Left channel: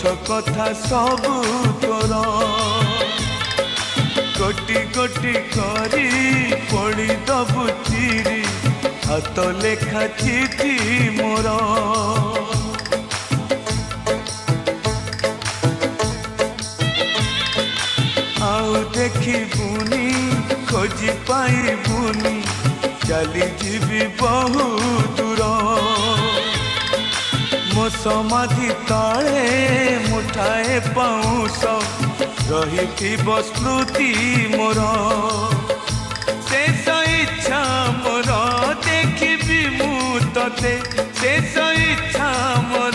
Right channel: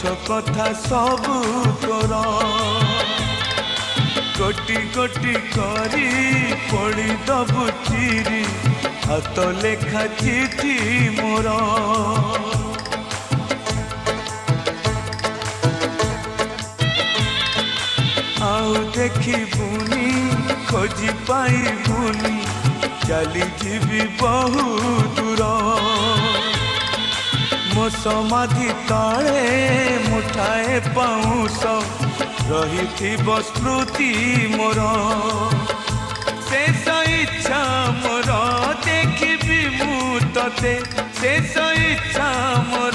ପଛ କଥା ସବୁ ତୋର ଗୋଟି ଗୋଟି କରି ପଡ଼ିଦବୁ ଚିରି ହାତ ଲେଖା ଚିଠି ମୋର ଆଉ ଦେଖିବୁନି ଖୋଜି ପାଇବୁନି ଚାଲିଯିବି ବହୁ ଦୂର ମୋ ସମାଧି ତଳେ ମୁଠାଏ ପାଉଁଶ ରହିଥିବ ସ୍ମୃତି ମୋର ଶେଷ ଇଚ୍ଛା ମୋର ଦେଖିବି ମୁଁ ତତେ ଶେଷ ଇଚ୍ଛା ମୋର